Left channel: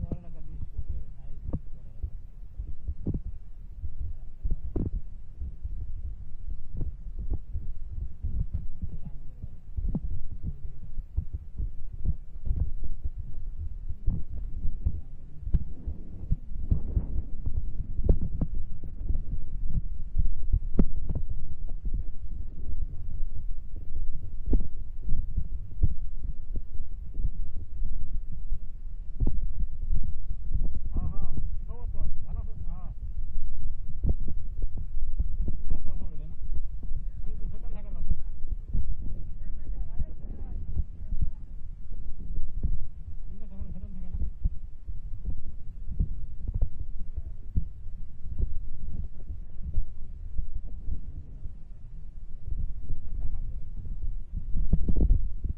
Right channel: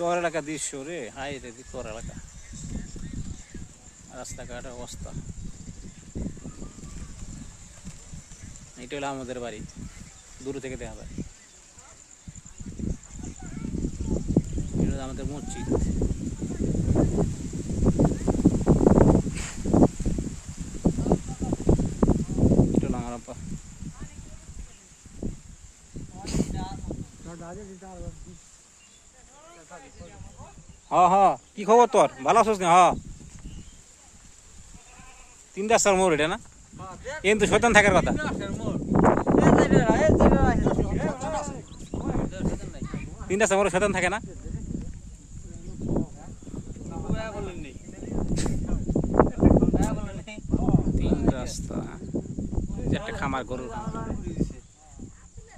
চর এলাকা দৃশ্য রে, হাই রে চর এলাকা, রাস্তাঘাটের অবস্থা। এটা হলো আমাদের বাড়ি, দূর থেকে দেখা যায়। এটা হলো আমাদের মসজিদ। এটা হলো আমার আব্বা। কি খবর তোর? ভালো আছিস না? 3 রাস্তার মোড় এটা না? কিন্তু শয়তান থাকার কথা। 3 রাস্তার মোড়ে শয়তান থাকে না?